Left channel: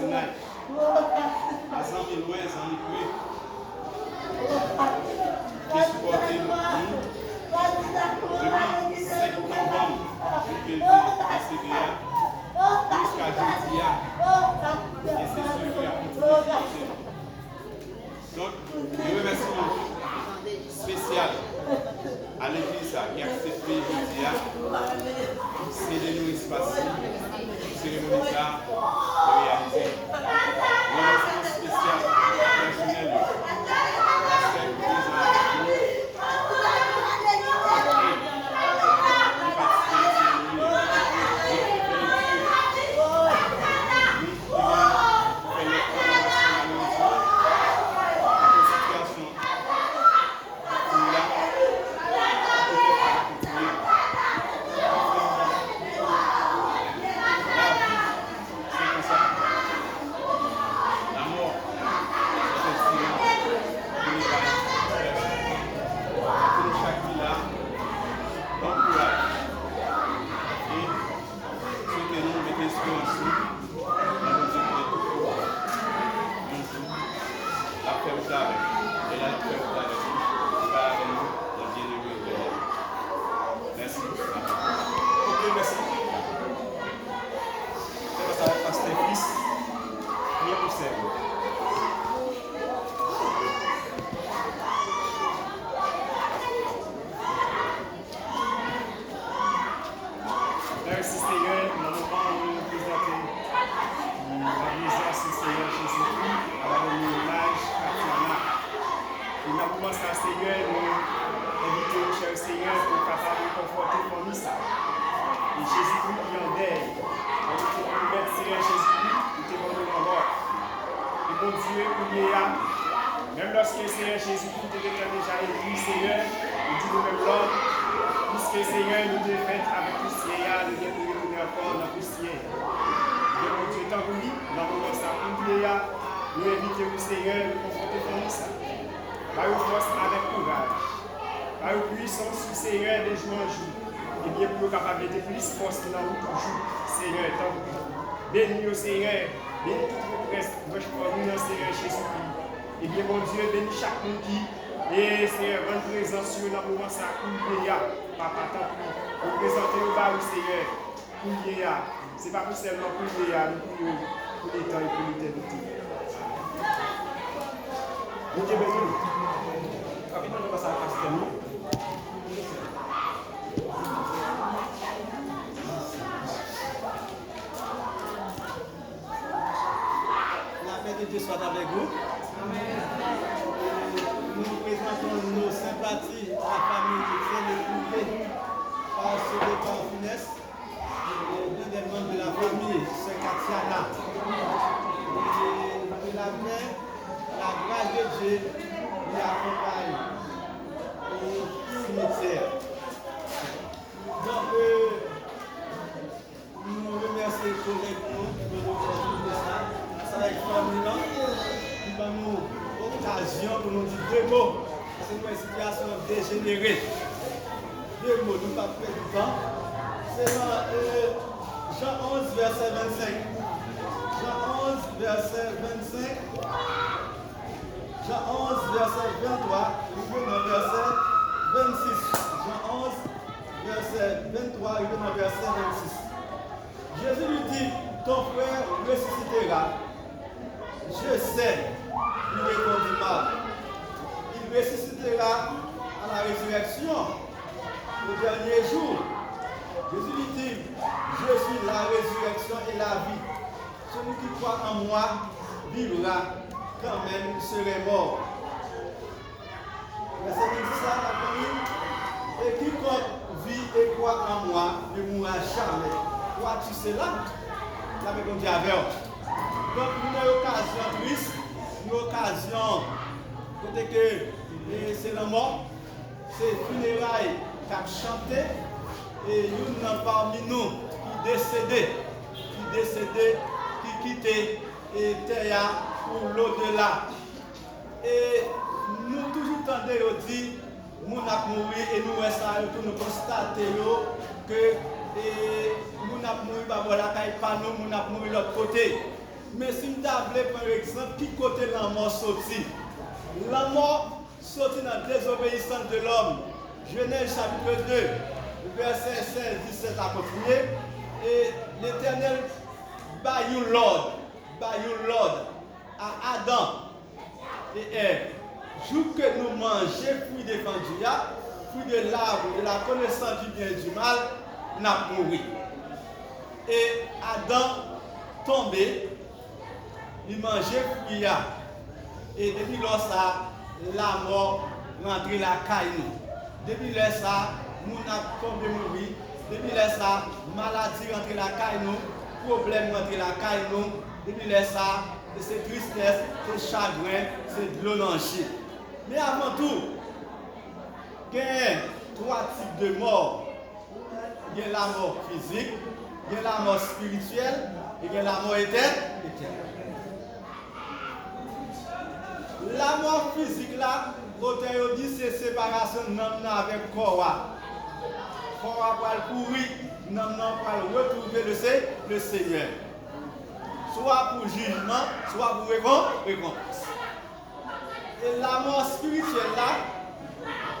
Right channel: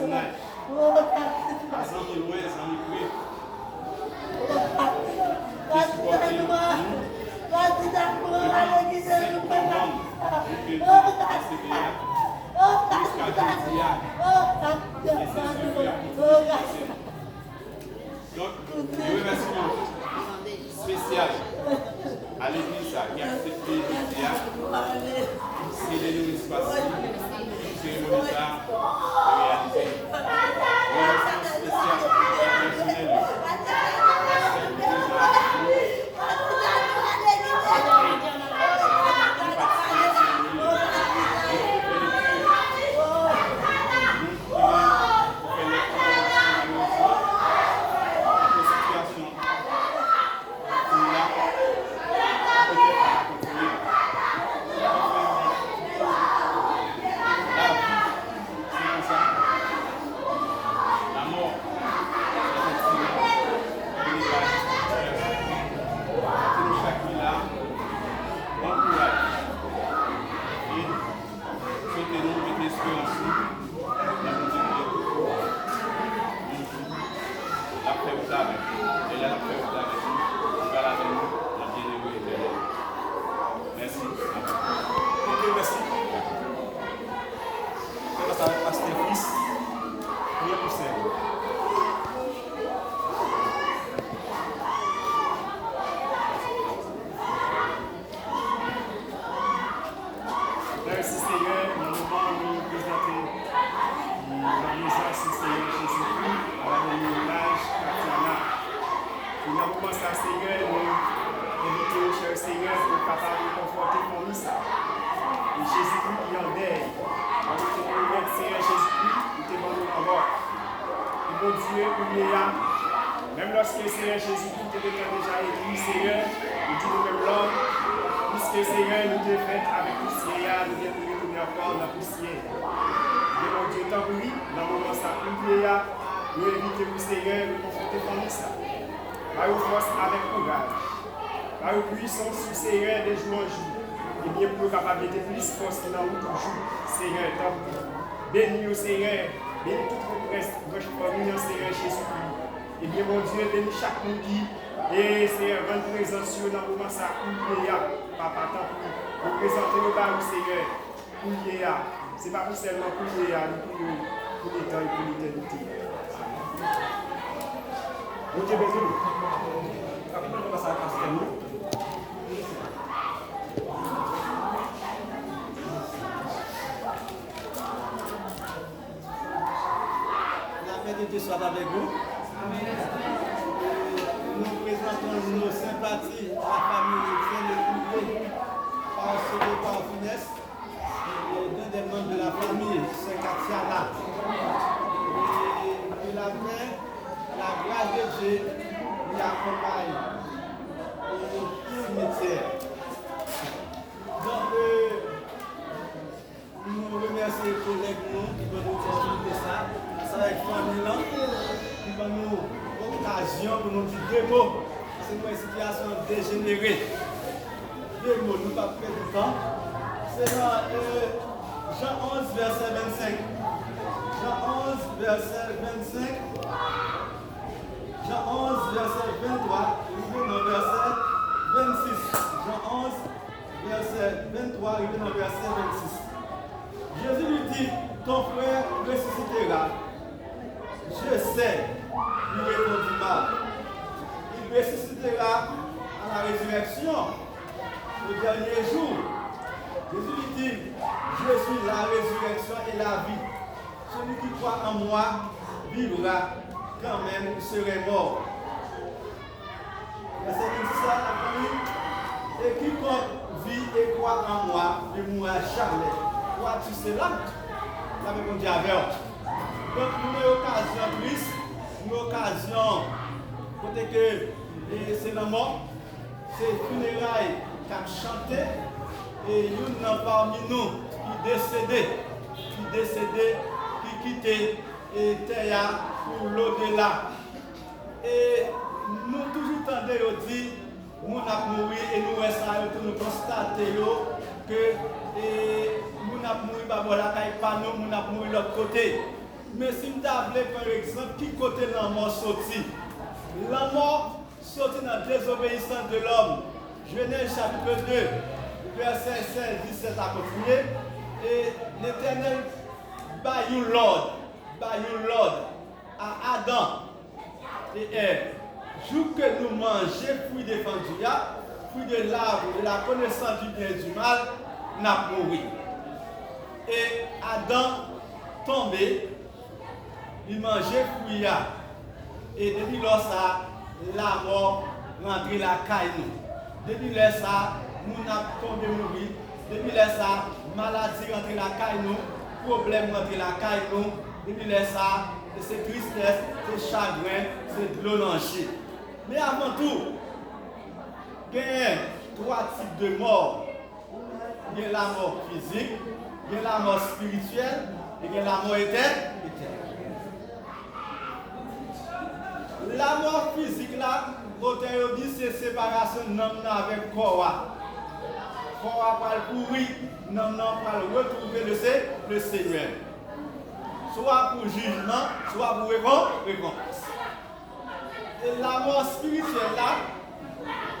voisinage. À Zami loin, Zami près. Qui supportent nous depuis 5 novembre, depuis le CBA, jusqu'à jeudi. Et c'est ce qui a continué. Donc, le remerciement spécial à l'église qui a accepté jeudi, c'est de nous espacer, cérémonie réalisée. Remerciement spécial personnel. Merci Seigneur, dans le moment où nous présentons l'organisation Seigneur Jésus-Christ à la village Katiana. Et dans le moment ça, Seigneur, nous invitons le cher Seigneur pour capable de conforter la famille. Et Jésus-Christ qui en deuil, on te promet Seigneur Jésus-Christ, nous te demandons en mort. Et mon Dieu, il y a, même lorsque Seigneur Jésus-Christ te déjà écrit, Seigneur, nous dit nous-mêmes l'homme. Puisque Seigneur nous devons faire avec poussière, nous devons retourner encore dans la poussière. Et mon Dieu, tant que oui, dans le moment ça, nous invitons vous Seigneur, nous conforter famille ça. Par force avec courage, par puissance sur Seigneur de jour en jour. Et bien pour capable de plus force dans notre jour, Seigneur, tant que oui. Bénis au Seigneur, bénis toute votre famille, Seigneur Jésus-Christ. Et bien mon Dieu, bénis chaque monde qui et Seigneur, rendre présence sur dans le moment ça, Papa, tant pis, vous présentez au bas, Seigneur, pour l'IA. Ce n'est pas pour seulement pour l'IA, nous prions pour les temps et pour l'éternité. Vous êtes béni. Rapidement, je passe à la pasteur. La paix de Dieu soit avec vous. Nous présentons nos sympathies à la famille Etienne Epouvé par ce départ funeste et deux des membres de la famille, c'est Katiana. Et que la paix, la grâce de Dieu nous accompagne au cimetière. Donc, nous remercions les collègues qui vont nous faire ça. Ça avec la famille qui va nous occasion pour nous dire deux mots. C'est une situation dégénérée. Deux mots, nous ne pas perdre du temps. C'est dans Jean 11, verset 25. Jean 11, verset 25. Jean 11, verset 23. Nous venons au verset 26. Jean 11, verset 23. Nous venons au verset 26. Jésus lui dit, ton frère ressuscitera. Je sais. Il répondit mal. Il ressuscitera à la résurrection au dernier jour. Jésus lui dit, je suis la résurrection et la vie. Celui qui croit en moi vivra quand même il serait mort. Verset 27, et quiconque vit et croit en moi ne mourra jamais. Crois-tu cela? La répondit avec. Donc, nous avons l'occasion triste. Une occasion, côté que c'est le mort, c'est funérailles qui a chanté, et nous n'avons parmi nous qui décédé, qui quittait et terre pour l'au-delà. Et nous toujours tendons dire, nous avons mouru et nous restons nous constater que nous avons mouru, voilà, nous avons mouru de l'autre côté. Mais si nous avons par exemple, qui côté la mort sorti? La mort sorti dans la désobéissance de l'homme. Genèse chapitre 2, verset 16, 17 à continuer. Et l'Éternel baillou l'ordre à Adam et Ève. Jour que nous mangeons fruit défendu, fruit de l'arbre de la connaissance du bien et du mal, n'a mouru. Et Adam tombé, il mangeait fruit. Et depuis là, ça, la mort rentrée la caille nous. Depuis là, ça, nous avons tombé mourir. Depuis là, ça, maladie rentrée la caille nous, problème rentrée la caille nous. Depuis là, ça, c'est tristesse, c'est chagrin, c'est de l'olangie. Mais avant tout, il y a 3 types de morts. Il y a la mort physique, il y a la mort spirituelle et il y a la mort éternelle. La mort physique là, l'auteur dit c'est séparation de l'homme avec le corps. Le corps va le pourrir, l'homme va le retrouver le Seigneur. Soit pour jugement, soit pour récompense. Et la mort spirituelle là,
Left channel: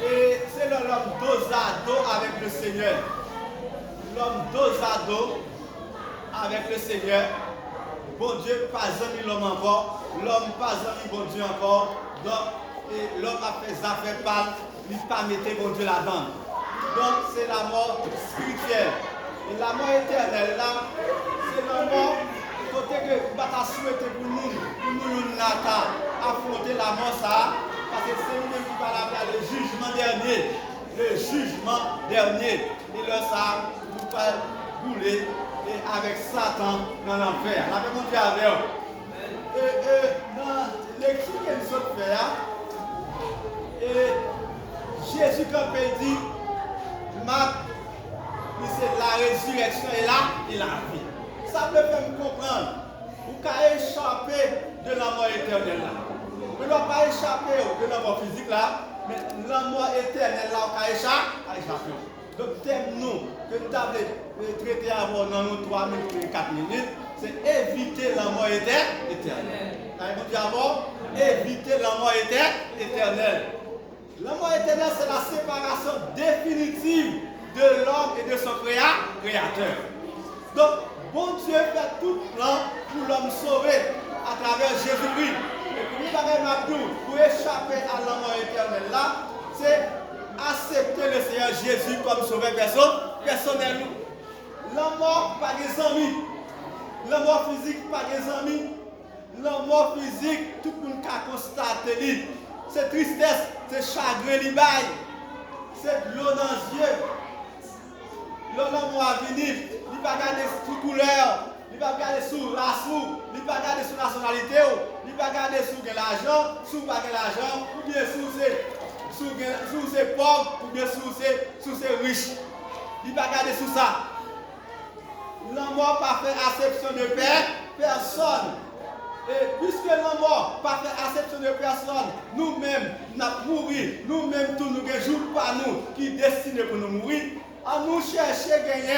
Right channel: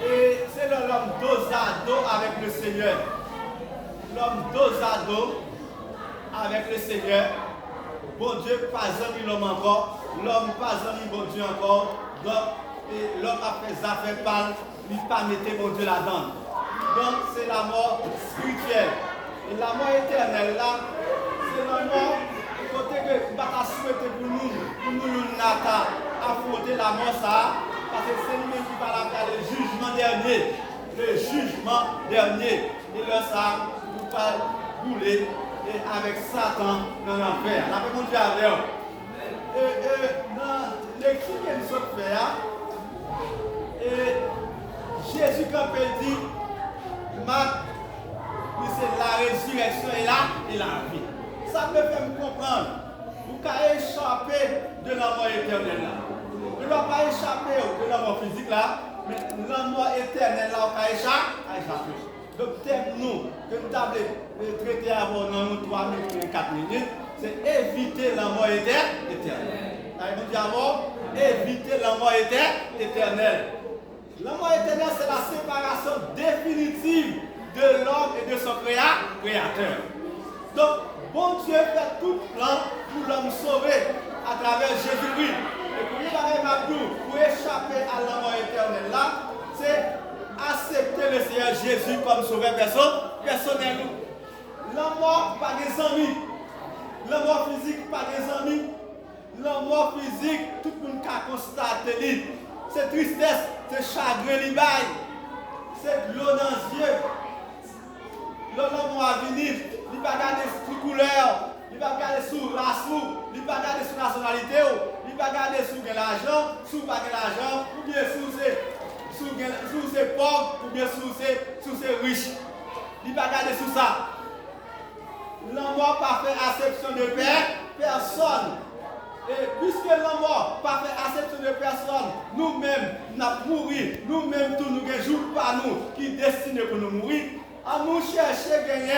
c'est l'homme dos à dos avec le Seigneur. L'homme dos à dos avec le Seigneur. Bon Dieu, pas jamais l'homme encore. L'homme pas jamais bon Dieu encore. Donc, l'homme a fait des affaires pâles, il n'a pas mis bon Dieu là-dedans. Donc, c'est la mort spirituelle. Et la mort éternelle là, c'est la mort. Côté que nous souhaiter pour nous affronter la mort ça, parce que c'est lui qui va faire le jugement dernier. Le jugement dernier. Et là ça, vous pouvez rouler avec Satan dans l'enfer. La paix mondiale avec eux. Dans l'écrit que nous sommes fait, Jésus quand il dit, c'est la résurrection et la vie. Ça me fait me comprendre. Vous pouvez échapper de la mort éternelle là. Vous ne pouvez pas échapper de la mort physique là, mais la mort éternelle là, vous pouvez échapper. Donc, thème-nous, que nous avons traité avant dans nos 3 minutes et 4 minutes, c'est éviter la mort éternelle. Vous d'abord, éviter la mort éternelle. La mort éternelle, c'est la séparation définitive de l'homme et de son créateur. Donc, bon Dieu fait tout plan pour l'homme sauver à travers Jésus-Christ. Et pour nous, pour échapper à la mort éternelle là, c'est accepter le Seigneur Jésus comme sauveur personnel. La mort, pas des amis. La mort physique, pas des amis. La mort physique, tout le monde a constaté. C'est tristesse, c'est chagrin, c'est de l'eau dans les yeux. L'homme va venir, il va regarder sous couleur, il va regarder sous race, il va regarder sous nationalité, il va regarder sous l'argent, sous pas l'argent, ou bien sous ses pauvres, ou bien sous ses riches. Il va regarder sous ça. L'homme n'a pas fait acception de personne. Et puisque l'homme n'a pas fait acception de personne, nous-mêmes, nous avons mouru, nous-mêmes, tous nous ne jouons pas nous, qui destinés pour nous mourir. À nous chercher à gagner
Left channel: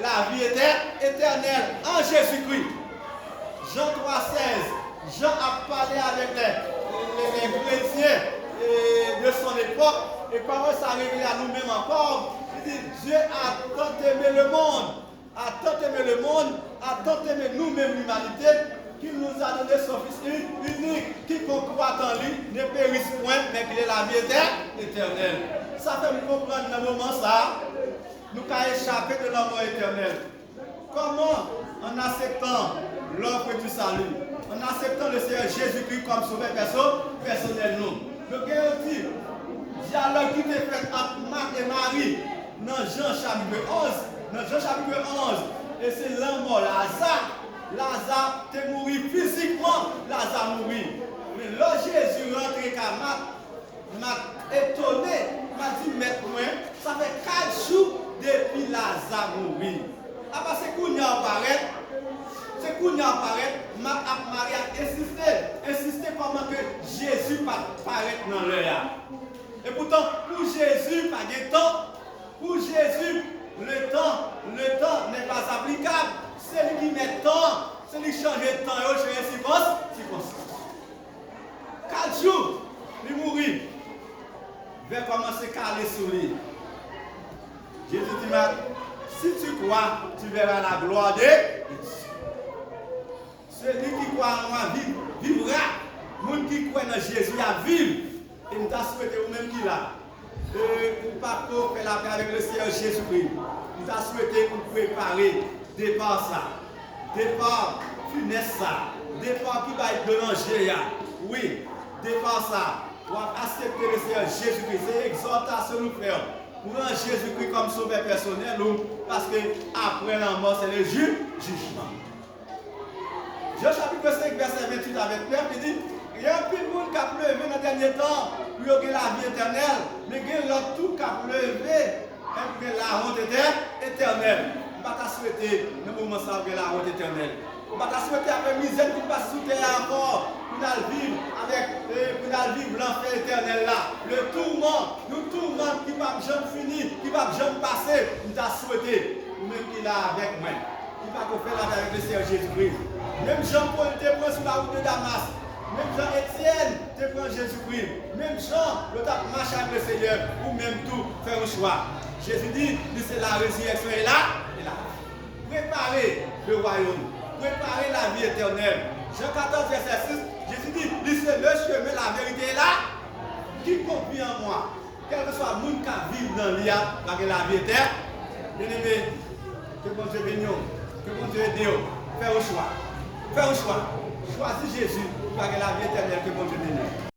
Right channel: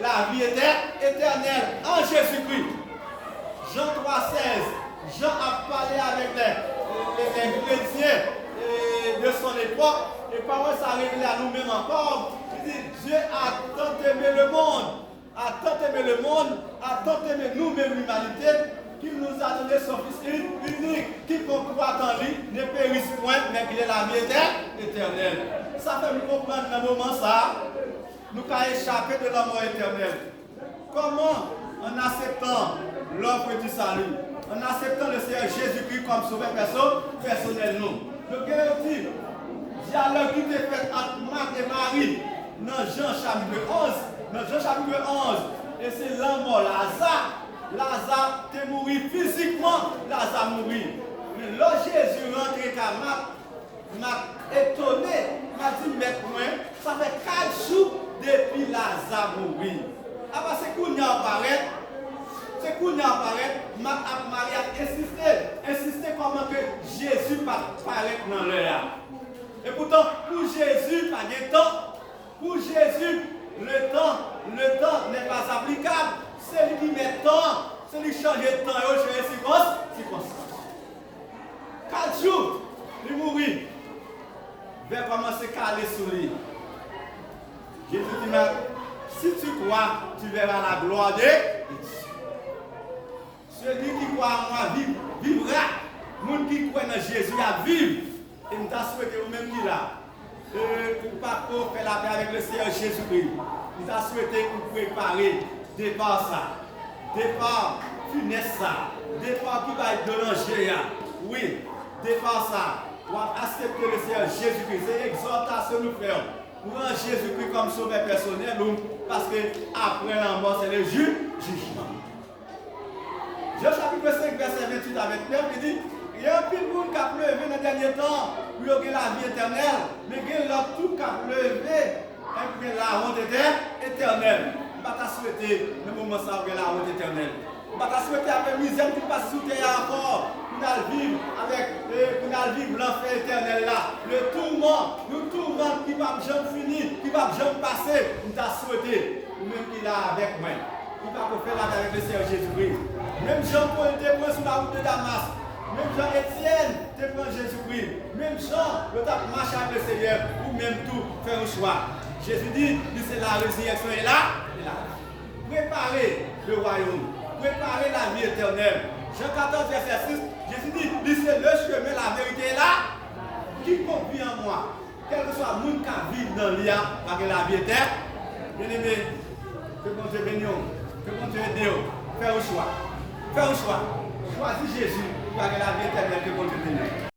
la vie éternelle en Jésus-Christ. Jean 3,16, Jean a parlé avec les chrétiens de son époque, et par ça a révélé à nous-mêmes encore. Il dit, Dieu a tant aimé le monde, a tant aimé nous-mêmes l'humanité, qu'il nous a donné son Fils unique, qui croit en lui, ne périsse point, mais qu'il ait la vie éternelle. Ça fait nous comprendre dans le moment ça, nous avons échappé de la mort éternelle. Comment? En acceptant l'offre du salut, en acceptant le Seigneur Jésus-Christ comme sauveur personnel. Donc, il dit, dialogue qui est fait entre Marc et Marie dans Jean chapitre 11. Dans Jean chapitre 11, et c'est la mort, Lazare est mort physiquement, Lazare est mort. Mais là, Jésus rentre à m'a étonné, m'a dit, mais moi, ça fait 4 jours depuis Lazare mourir. Après, c'est qu'on y apparaît, Marie a insisté comment que Jésus paraît dans l'heure. Et pourtant, pour Jésus, pas de temps. Pour Jésus, le temps n'est pas applicable. C'est lui qui met temps, c'est lui qui change le temps et change les circonstances. 4 jours, il mourit. Il va commencer à caler sur lui. Jésus dit, si tu crois, tu verras la gloire de Dieu. Celui qui croit en moi vivra. Les gens qui croient en Jésus à vivre. Et nous t'as souhaité vous-même qui là. Pour ne pas faire la paix avec le Seigneur Jésus-Christ. Nous t'as souhaité pour préparer départ ça. Départ funeste ça. Départ qui va être de l'angers. Oui, départ ça. Pour accepter le Seigneur Jésus-Christ. C'est l'exhortation nous faire. Pour rendre Jésus-Christ comme sauveur personnel, parce que après la mort, c'est le jugement. Jean chapitre 5, verset 28 avec Pierre, il dit, il y a un petit monde qui a pleuvé dans le dernier temps, pour y avoir la vie éternelle, mais il y a tout qui a pleuvé, pour que la honte éternelle. Je ne vais pas souhaiter, le moment ça, la honte éternelle. Je ne vais pas souhaiter avec misère qui passe sous terre encore. Pour vivre avec l'enfer éternel là, le tourment qui va jamais finir, qui va jamais passer, nous t'a souhaité, ou même qui est là avec moi, qui va faire là avec le Seigneur Jésus-Christ. Même Jean-Paul te prend sur la route de Damas, même Jean-Étienne te prend Jésus-Christ, même Jean, le tape marche avec le Seigneur, ou même tout faire un choix. Jésus dit, c'est la résurrection et là, préparez le royaume, préparez la vie éternelle. Jean 14, verset 6, Jésus dit, c'est le chemin, la vérité est là. Qui confie en moi, quel que soit le monde qui vit dans l'IA, avec la vie éternelle, bien aimé, que bon Dieu bénisse, que bon Dieu aide, fais un choix. Fais un choix. Choisis Jésus, avec la vie éternelle, que bon Dieu bénisse.